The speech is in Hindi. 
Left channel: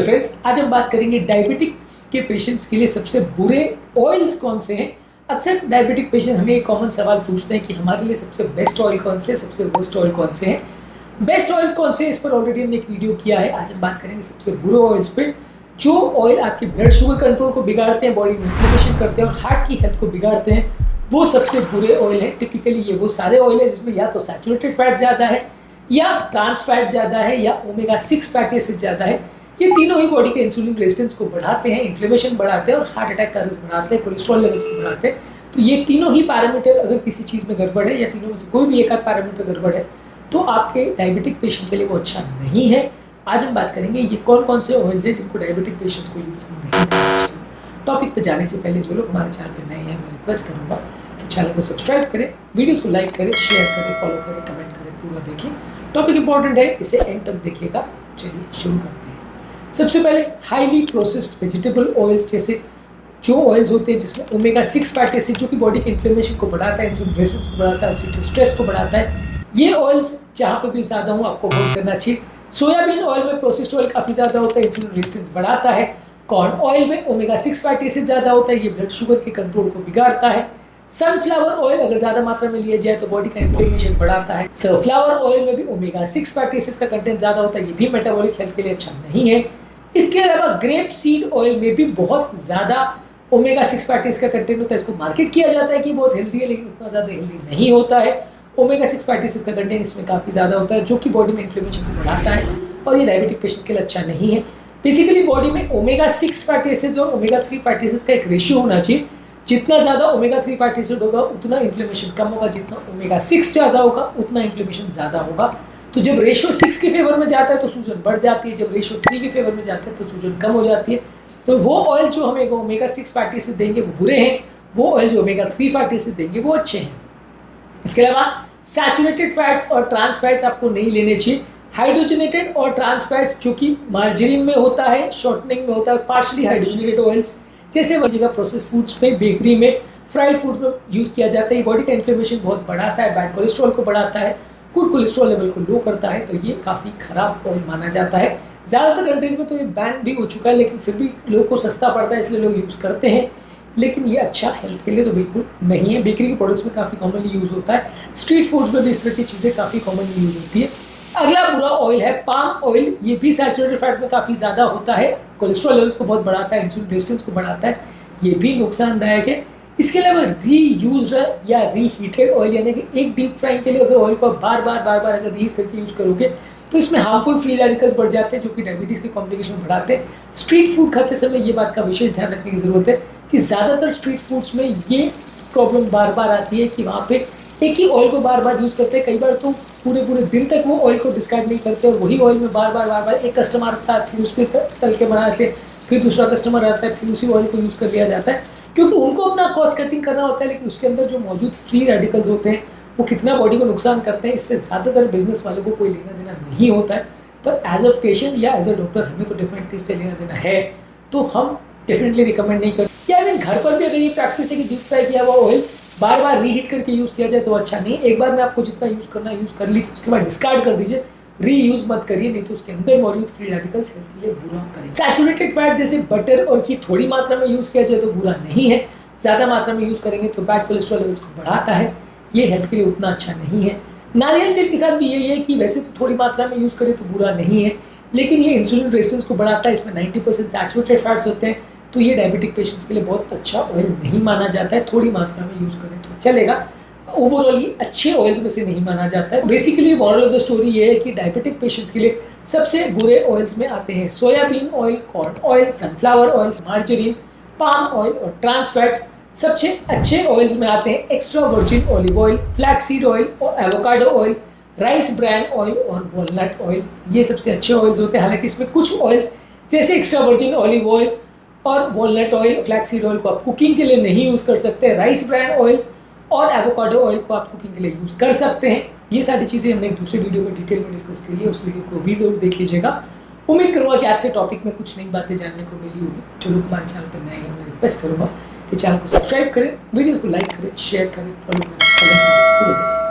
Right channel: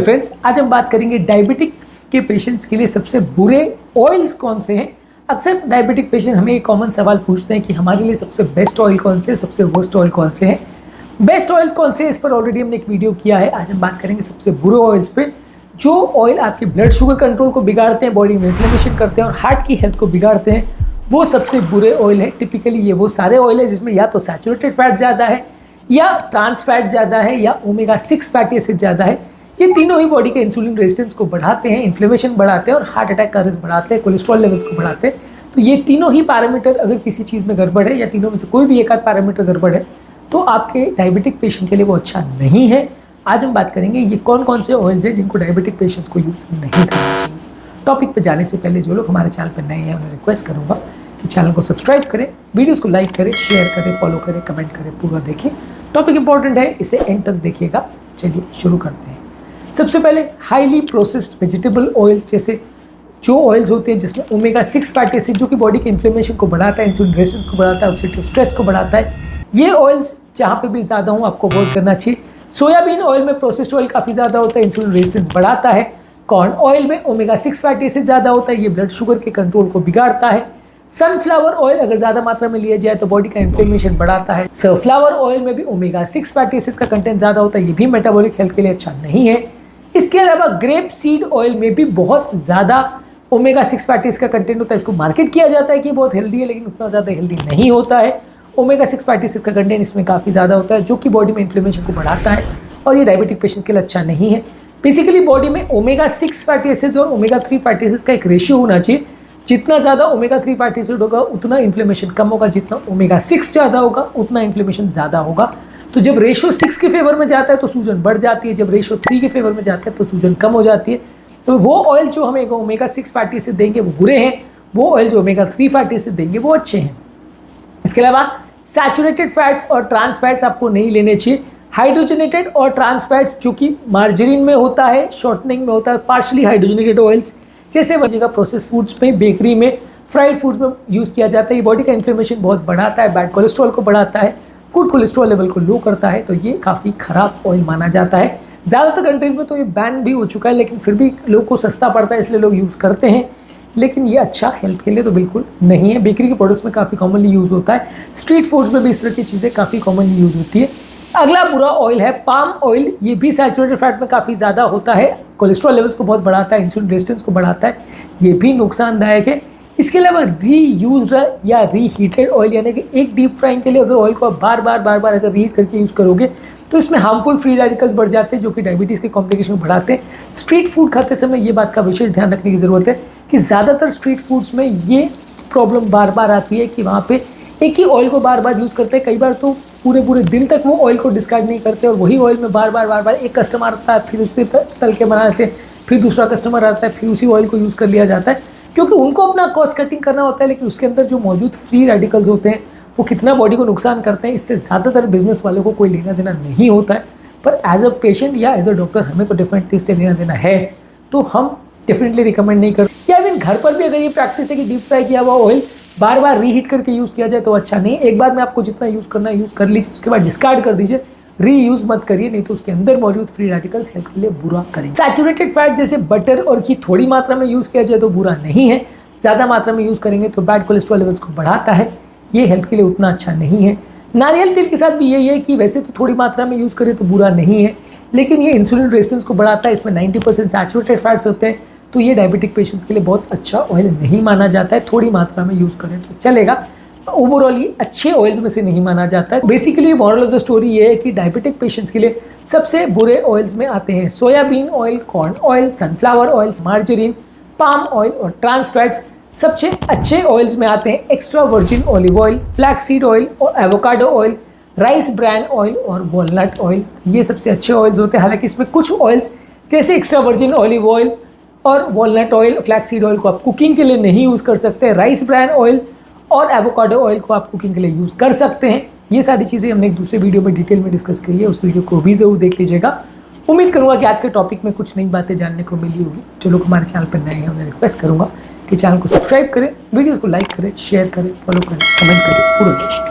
फ्रेंड्स, आज हम बात करेंगे डायबिटिक्स के पेशेंट्स के लिए सबसे बुरे ऑयल्स कौन से हैं। अक्सर डायबिटिक पेशेंट हमें एक कॉमन सवाल पूछते हैं कि हमारे लिए सबसे बेस्ट ऑयल कौन से हैं, सबसे वर्स्ट ऑयल कौन से हैं। बेस्ट ऑयल्स कौन से हैं, इस पर ऑलरेडी हमने एक वीडियो किया है। आज हम बात करेंगे सबसे बुरे ऑयल्स पे, जो ऑयल आपके ब्लड शुगर कंट्रोल को बिगाड़ते हैं, बॉडी में इन्फ्लेमेशन करते हैं और हार्ट की हेल्थ को बिगाड़ते हैं। वो सबसे बुरे ऑयल है। टिपिकली ये वो सारे ऑयल है जिसमें या तो सैचुरेटेड फैट ज़्यादा है, या ट्रांस फैट ज़्यादा है, या ओमेगा 6 फैटी एसिड ज़्यादा है। ये तीनों ही बॉडी के इंसुलिन रेजिस्टेंस को बढ़ाते हैं, इन्फ्लेमेशन बढ़ाते हैं और हार्ट अटैक का रिस्क बढ़ाते हैं, कोलेस्ट्रॉल लेवल्स को बढ़ाते हैं। तो ये तीनों ही पैरामीटर अगर किसी चीज़ में गड़बड़ है, या तीनों में से कोई भी एक आध पैरामीटर गड़बड़ है, तो आपके डायबिटिक पेशेंट के लिए वो अच्छा नहीं है। आज हम बात करेंगे ये कौन कौन से ऑयल्स हैं जिनको डायबिटिक पेशेंट्स को यूज़ नहीं करना चाहिए। टॉपिक पे जाने से पहले जो लोग हमारे चैनल पर नए हैं, मैं रिक्वेस्ट करूँगा कि चैनल को सब्सक्राइब करें, वीडियोज़ को लाइक करें, शेयर करें, फॉलो करें, कमेंट करें, पूरा देखें। टॉपिक इंपॉर्टेंट है, इसे एंड तक देखिएगा। चलिए शुरू करते हैं। सबसे पहले हाईली प्रोसेस्ड वेजिटेबल ऑयल्स, जैसे जो ऑयल्स होते हैं जिसमें ओमेगा 6 फैटी एसिड जो कि बॉडी के इन्फ्लेमेशन को बढ़ाता है, इंसुलिन रेजिस्टेंस को बढ़ाता है, ऑक्सीडेटिव स्ट्रेस को बढ़ाता है, ये ऑयल्स जहाँ पे भी ज़्यादा हो आपको अवॉइड करना चाहिए। सोयाबीन ऑयल में प्रोसेस्ड ऑयल काफ़ी ज़्यादा होता है, इंसुलिन रेजिस्टेंस बढ़ाता है। कॉर्न ऑयल में ओमेगा 6 फैटी एसिड ज़्यादा होता है, ये ब्लड शुगर के कंट्रोल को बिगाड़ता है। सनफ्लावर ऑयल अगर ज़्यादा मात्रा में लिया जाए तो बॉडी का इन्फ्लेमेशन बढ़ाता है। सनफ्लावर ऑयल में भी ओमेगा 6 फैटी एसिड का कंटेंट ज़्यादा होता है, ये भी मेटाबॉलिक हेल्थ के लिए अच्छा नहीं है। इसके अलावा ग्रेप सीड ऑयल में भी बहुत ज़्यादा ओमेगा 6 फैटी एसिड का कंटेंट होता है। इसको मार्केट किया जाता है कि बहुत हेल्दी है, लेकिन उतना ज़्यादा हेल्दी नहीं होता है। ओमेगा 6 फैटी एसिड का कंटेंट इसमें काफ़ी ज़्यादा होता है, जो कि बॉडी में इन्फ्लेमेशन को बढ़ाता है और ये डायबिटिक पेशेंट के लिए अच्छा नहीं है। बेसिकली बॉडी में ओमेगा 6 फैटी एसिड और ओमेगा 3 फैटी एसिड का एक रेशियो होना चाहिए। जितना ज़्यादा ओमेगा 3 फैटी एसिड होगा उतना इन्फ्लेमेशन कम होगा, जितना ओमेगा 6 ज़्यादा होगा उतना इन्फ्लेमेशन ज़्यादा होगा। तो जब रेशियो 6 के फेवर में जाता है तो सूजन बढ़ जाती है, जब रेशियो 3 के फेवर में जाता है तो सूजन कम हो जाती है। तो वो ऑयल जो हमें ओमेगा 6 फैटी एसिड देंगे वो बुरे हैं, वो ऑयल जो ओमेगा 3 फैटी एसिड देंगे वो अच्छे हैं। इसके अलावा सैचुरेटेड फैट्स और ट्रांस फैट्स आपको नहीं लेने चाहिए। हाइड्रोजनेटेड और ट्रांस फैट्स जो कि मार्जरीन में होता है, शॉर्टनिंग में होता है, पार्शली हाइड्रोजनेटेड ऑयल्स जैसे वजह प्रोसेस फूड्स में, बेकरी में, फ्राइड फूड्स में यूज़ किया जाता है। ये बॉडी का इन्फ्लेमेशन बहुत बढ़ाता है, बैड कोलेस्ट्रॉल को बढ़ाता है, गुड कोलेस्ट्रॉल लेवल को लो करता है, तो ये काफ़ी ख़राब ऑयल माना जाता है। ज़्यादातर कंट्रीज़ में तो ये बैन भी हो चुका है, लेकिन फिर भी लोगों को सस्ता पड़ता है इसलिए लोग यूज़ करते हैं, लेकिन ये अच्छा हेल्थ के लिए तो बिल्कुल नहीं है। बेकरी के प्रोडक्ट्स में काफ़ी कॉमनली यूज़ होता है, स्ट्रीट फूड्स में भी इस तरह की चीज़ें काफ़ी कॉमनली यूज़ होती है। अगला बुरा ऑयल है पाम ऑयल। ये भी सैचुरेटेड फैट में काफ़ी ज़्यादा होता है, कोलेस्ट्रॉल लेवल्स को बहुत बढ़ाता है, इंसुलिन रेजिस्टेंस को बढ़ाता है, ये भी नुकसानदायक है। इसके अलावा रीयूज्ड या रीहीटेड ऑयल, यानी कि एक डीप फ्राइंग के लिए अगर ऑयल को आप बार बार अगर रीहीट करके यूज़ करोगे तो इसमें हार्मफुल फ्री रेडिकल्स बढ़ जाते हैं, जो कि डायबिटीज़ के कॉम्प्लिकेशन को बढ़ाते हैं। स्ट्रीट फूड खाते समय ये बात का विशेष ध्यान रखने की ज़रूरत है कि ज़्यादातर स्ट्रीट फूड्स में ये प्रॉब्लम बार बार आती है कि वहाँ पे एक ही ऑयल को बार बार यूज़ करते हैं। कई बार तो पूरे दिन तक वो ऑयल को डिस्कार्ड नहीं करते और वही ऑयल में बार बार एक कस्टमर आता है, फिर उस पर तल के बना लेते हैं, फिर दूसरा कस्टमर आता है, फिर उसी ऑयल को यूज़ कर लिया जाता है, क्योंकि उनको अपना कॉस्ट कटिंग करना होता है। लेकिन उसके अंदर जो मौजूद फ्री रेडिकल्स होते हैं वो कितना बॉडी को नुकसान करते हैं, इससे ज़्यादातर बिजनेस वालों को कोई लेना देना नहीं होता है। पर एज अ पेशेंट या एज अ डॉक्टर हमें तो डेफिनेटली इससे लेना देना है, तो हम डेफिनेटली रिकमेंड नहीं करते। या इवन घर पर भी अगर ये प्रैक्टिस है कि डीप फ्राई किया हुआ ऑयल बार बार रीहीट करके यूज़ किया जाए तो अच्छा नहीं। एक बार में आपको जितना यूज़ करना है यूज़ कर लीजिए, उसके बाद डिस्कार्ड कर दीजिए, रीयूज़ मत करिए, नहीं तो उसके अंदर मौजूद फ्री रेडिकल्स हेल्थ के लिए बुरा करेंगे। सैचुरेटेड फैट जैसे बटर और घी थोड़ी मात्रा में यूज़ किया जाए तो बुरा नहीं है, ज़्यादा मात्रा में यूज़ करेंगे तो बैड कोलेस्ट्रॉल लेवल्स को बढ़ाता है, ये हेल्थ के लिए उतना अच्छा नहीं है। नारियल तेल के साथ भी यही है कि वैसे तो थोड़ी मात्रा में यूज़ करें तो बुरा नहीं है, लेकिन ये इंसुलिन रेजिस्टेंस को बढ़ाता है, इसमें 90% सैचुरेटेड फैट्स होते हैं, तो ये डायबिटिक पेशेंट्स के लिए बहुत अच्छा ऑयल नहीं माना जाता है। थोड़ी मात्रा में यूज़ करें तो चलेगा, ओवरऑल ये अच्छे ऑयल्स में से नहीं माना जाता है। Basically moral of the story ये है कि डायबिटिक पेशेंट्स के लिए सबसे बुरे ऑयल्स में आते हैं soybean oil, corn oil, sunflower oil, margarine, palm oil और ट्रांस फैट्स। सबसे अच्छे ऑयल्स में आते हैं extra virgin olive oil, flaxseed oil और avocado oil, rice bran oil और वॉलनट ऑयल। ये सबसे अच्छे ऑयल्स होते हैं। हालांकि इसमें कुछ ऑयल्स जैसे एक्स्ट्रा वर्जिन ऑलिव ऑयल और वॉलनट ऑयल, फ्लैक्सीड ऑयल को आप कुकिंग के लिए नहीं यूज़ कर सकते। राइस ब्रान ऑयल और एवोकाडो ऑयल को आप कुकिंग के लिए यूज़ कर सकते हैं। ये सारी चीज़ें हमने एक दूसरे वीडियो में डिटेल में डिस्कस करी है, उस वीडियो को भी ज़रूर देख लीजिएगा। उम्मीद करूँगा कि आज के टॉपिक में कुछ नई बातें जानने को मिली होगी। जो लोग हमारे चैनल पर नए हैं उन्हें रिक्वेस्ट करूँगा कि चैनल को सब्सक्राइब करें, वीडियोज़ को लाइक करें, शेयर करें, फॉलो करें, कमेंट करें, पूरा